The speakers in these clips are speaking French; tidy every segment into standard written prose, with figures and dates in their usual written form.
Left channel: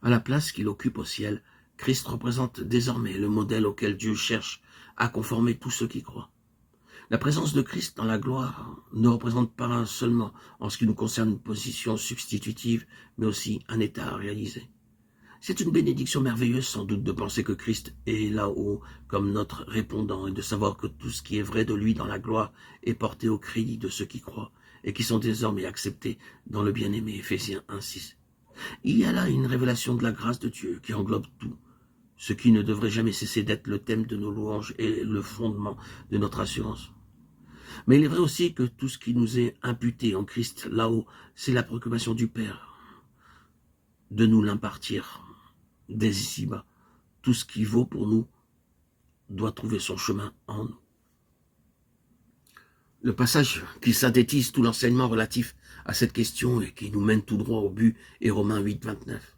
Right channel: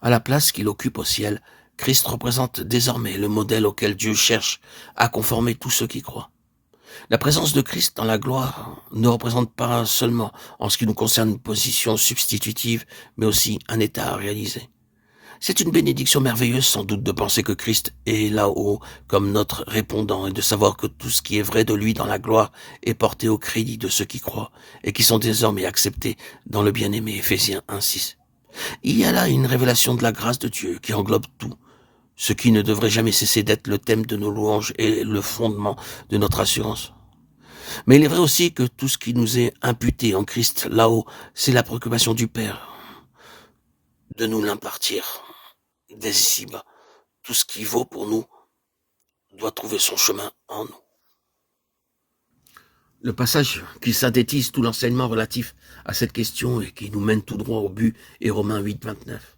À la place qu'il occupe au ciel, Christ représente désormais le modèle auquel Dieu cherche à conformer tous ceux qui croient. La présence de Christ dans la gloire ne représente pas seulement, en ce qui nous concerne, une position substitutive, mais aussi un état à réaliser. C'est une bénédiction merveilleuse sans doute de penser que Christ est là-haut comme notre répondant et de savoir que tout ce qui est vrai de lui dans la gloire est porté au crédit de ceux qui croient et qui sont désormais acceptés dans le bien-aimé Éphésiens 1,6. Il y a là une révélation de la grâce de Dieu qui englobe tout, ce qui ne devrait jamais cesser d'être le thème de nos louanges et le fondement de notre assurance. Mais il est vrai aussi que tout ce qui nous est imputé en Christ là-haut, c'est la préoccupation du Père de nous l'impartir dès ici-bas. Tout ce qui vaut pour nous doit trouver son chemin en nous. Le passage qui synthétise tout l'enseignement relatif à cette question et qui nous mène tout droit au but est Romains 8, 29.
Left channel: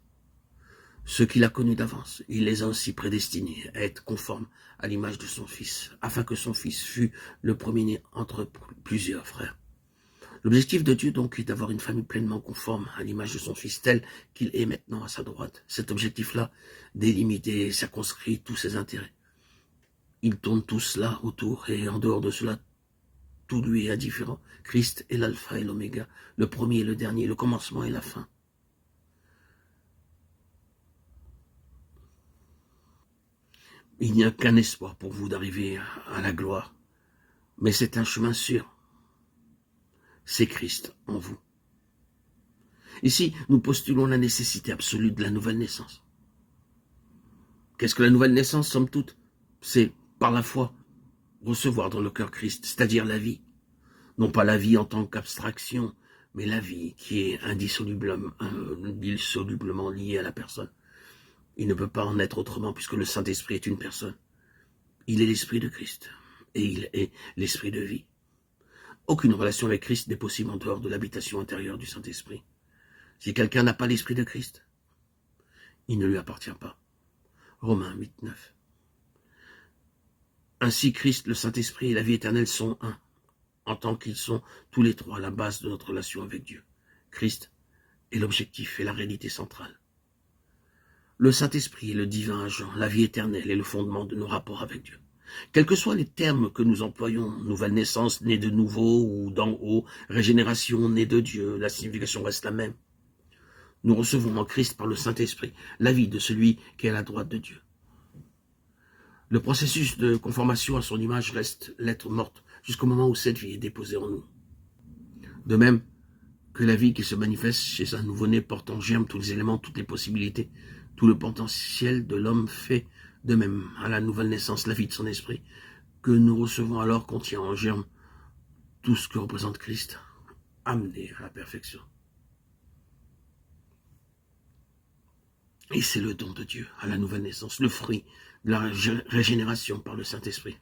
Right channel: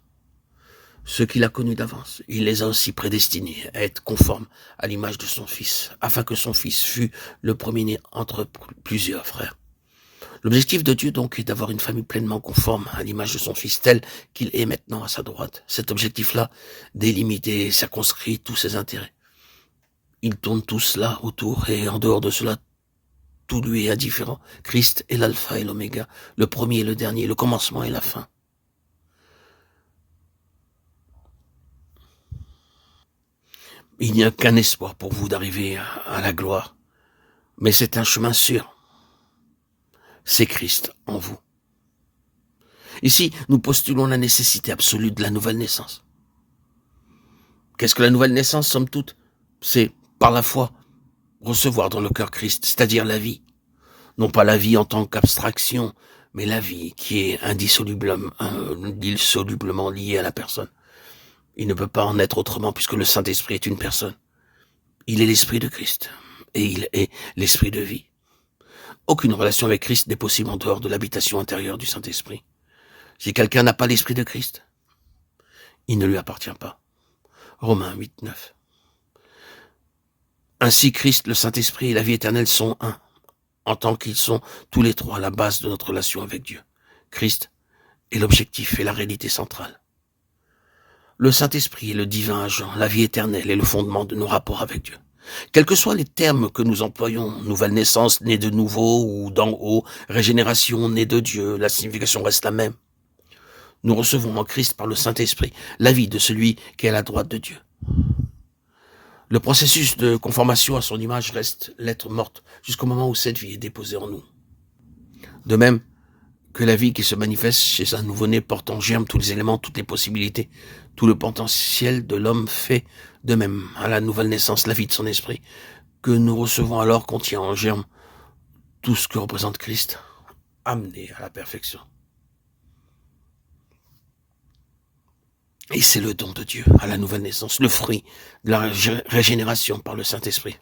Ceux qu'il a connus d'avance, il les a aussi prédestinés à être conformes à l'image de son Fils, afin que son Fils fût le premier-né entre plusieurs frères. L'objectif de Dieu donc est d'avoir une famille pleinement conforme à l'image de son Fils tel qu'il est maintenant à sa droite. Cet objectif-là délimite et circonscrit tous ses intérêts. Ils tournent tous là autour et en dehors de cela, tout lui est indifférent. Christ est l'alpha et l'oméga, le premier et le dernier, le commencement et la fin. Il n'y a qu'un espoir pour vous d'arriver à la gloire, mais c'est un chemin sûr. C'est Christ en vous. Ici, nous postulons la nécessité absolue de la nouvelle naissance. Qu'est-ce que la nouvelle naissance, somme toute? C'est, par la foi, recevoir dans le cœur Christ, c'est-à-dire la vie. Non pas la vie en tant qu'abstraction, mais la vie qui est indissolublement liée à la personne. Il ne peut pas en être autrement puisque le Saint-Esprit est une personne. Il est l'Esprit de Christ et il est l'Esprit de vie. Aucune relation avec Christ n'est possible en dehors de l'habitation intérieure du Saint-Esprit. Si quelqu'un n'a pas l'Esprit de Christ, il ne lui appartient pas. Romains 8, 9. Ainsi Christ, le Saint-Esprit et la vie éternelle sont un, en tant qu'ils sont tous les trois à la base de notre relation avec Dieu. Christ est l'objectif et la réalité centrale. Le Saint-Esprit est le divin agent, la vie éternelle est le fondement de nos rapports avec Dieu. Quels que soient les termes que nous employons, nouvelle naissance, née de nouveau ou d'en haut, régénération, née de Dieu, la signification reste la même. Nous recevons en Christ par le Saint-Esprit la vie de celui qui est à la droite de Dieu. Le processus de conformation à son image reste lettre morte jusqu'au moment où cette vie est déposée en nous. De même que la vie qui se manifeste chez un nouveau-né porte en germe tous les éléments, toutes les possibilités, tout le potentiel de l'homme fait de même à la nouvelle naissance, la vie de son esprit, que nous recevons alors contient en germe tout ce que représente Christ, amené à la perfection. Et c'est le don de Dieu à la nouvelle naissance, le fruit de la régénération par le Saint-Esprit.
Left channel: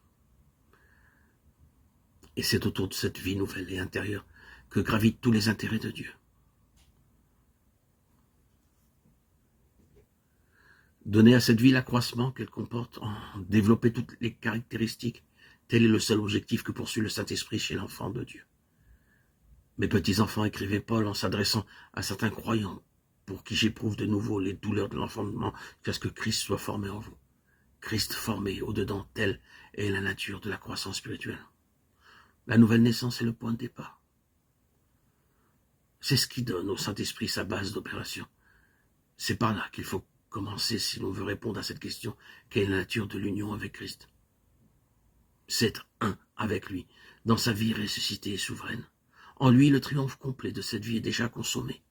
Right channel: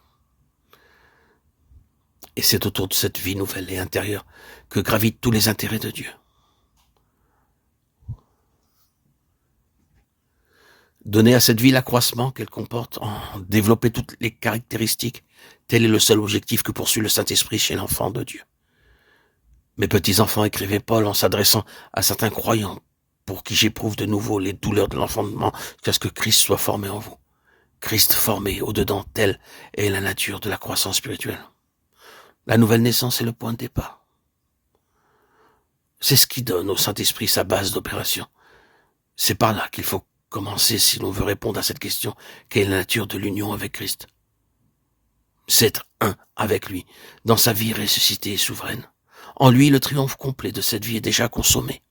Et c'est autour de cette vie nouvelle et intérieure que gravitent tous les intérêts de Dieu. Donner à cette vie l'accroissement qu'elle comporte, en développer toutes les caractéristiques, tel est le seul objectif que poursuit le Saint-Esprit chez l'enfant de Dieu. Mes petits-enfants, écrivait Paul en s'adressant à certains croyants, pour qui j'éprouve de nouveau les douleurs de l'enfantement, jusqu'à ce que Christ soit formé en vous. Christ formé au-dedans, telle est la nature de la croissance spirituelle. La nouvelle naissance est le point de départ. C'est ce qui donne au Saint-Esprit sa base d'opération. C'est par là qu'il faut commencer si l'on veut répondre à cette question, quelle est la nature de l'union avec Christ? C'est être un avec lui, dans sa vie ressuscitée et souveraine. En lui, le triomphe complet de cette vie est déjà consommé.